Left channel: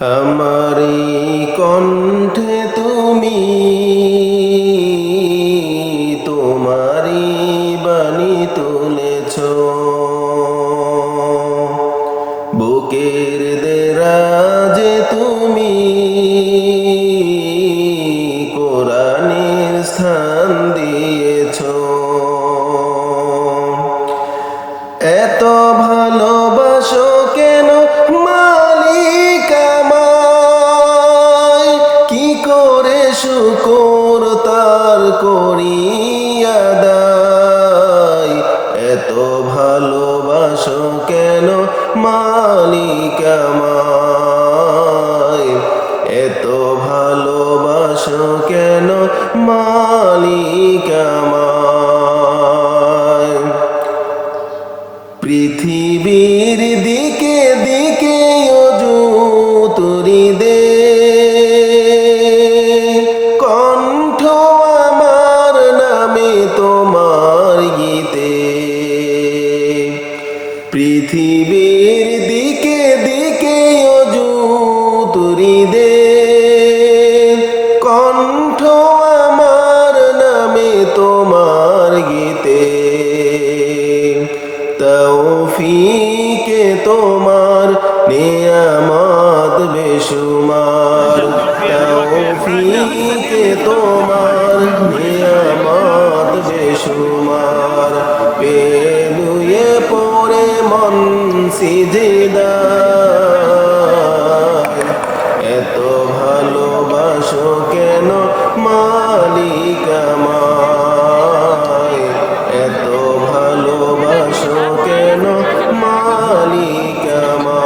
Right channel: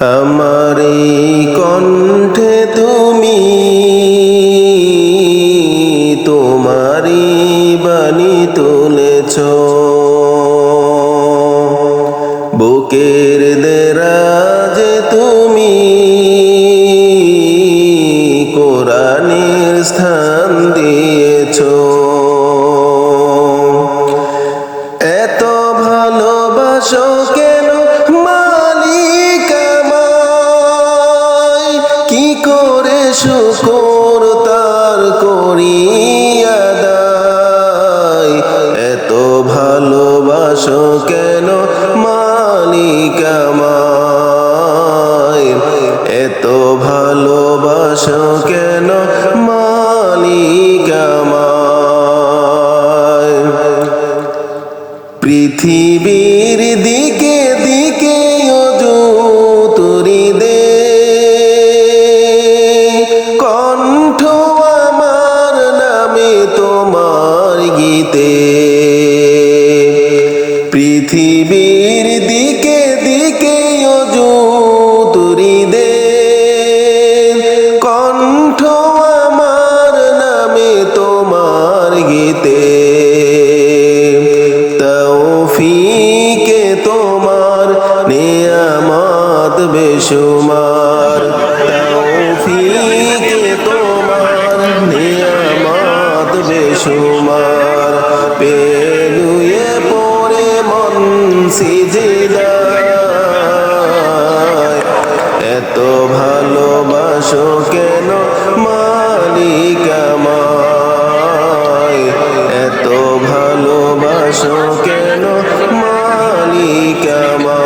আমারি কণ্ঠে তুমি তোমারি বাণী তুলেছ, বুকের দেরাজে তুমি কোরআনের স্থান দিয়েছ। এত ভালোবাসো কেন মালিক আমায়, কি করে শুকর তার করি আদায়। এত ভালোবাসো কেন মালিক আমায়, এত ভালোবাসো কেন মালিক আমায়। পৃথিবীর দিকে দিকে ওযু তুরি দে, কণ্ঠ আমার নামে তোমার গীতে। পৃথিবীর দিকে দিকে ওযু তুরি দে, কণ্ঠ আমার নামে তোমার গীতে। তৌফিকে তোমার নিয়ামত বেশুমার, তৌফিকে তোমার নিয়ামত বেশুমার। পেলুয়ে পড়ে মন সিজদায়, এত ভালোবাসো কেন মালিক আমায়, এত ভালোবাসো কেন মালিক আমায়।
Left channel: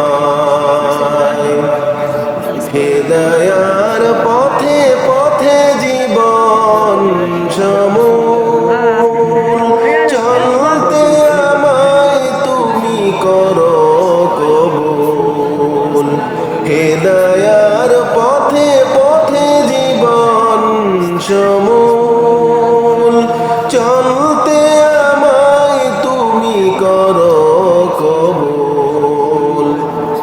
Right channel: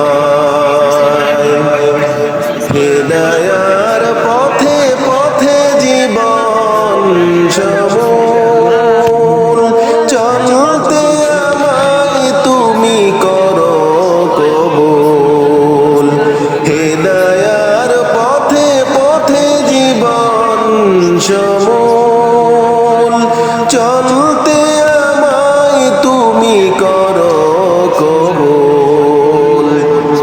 হেদায়ার পথে পথে জীবন সমূল, চলতে আমায় তুমি করো কবুল। হেদায়ার পথে পথে জীবন সমূল, চলতে আমায় তুমি করো কবুল।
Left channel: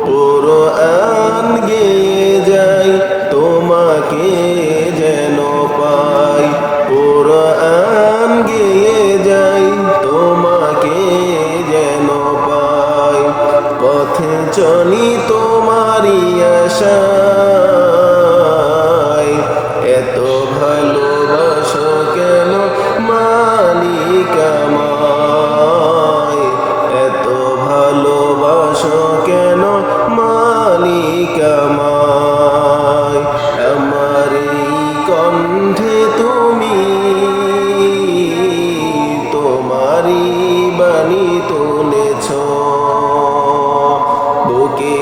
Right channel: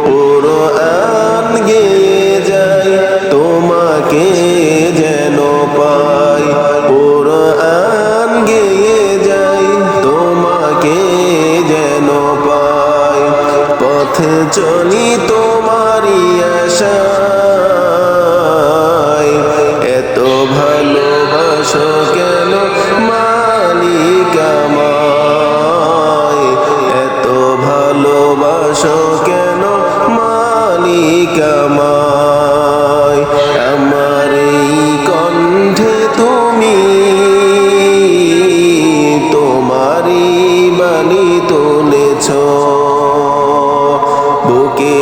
কুরআন গেয়ে যাই তোমাকে যেন পাই, কুরআন গেয়ে যাই তোমাকে যেন পাই। পথে চলি তোমারই আশায়, এত ভালোবাসো কেন মালিক আমায়, এত ভালোবাসো কেন মালিক আমায়। আমার এই কণ্ঠে তুমি তোমারি বাণী তুলেছ, বুকে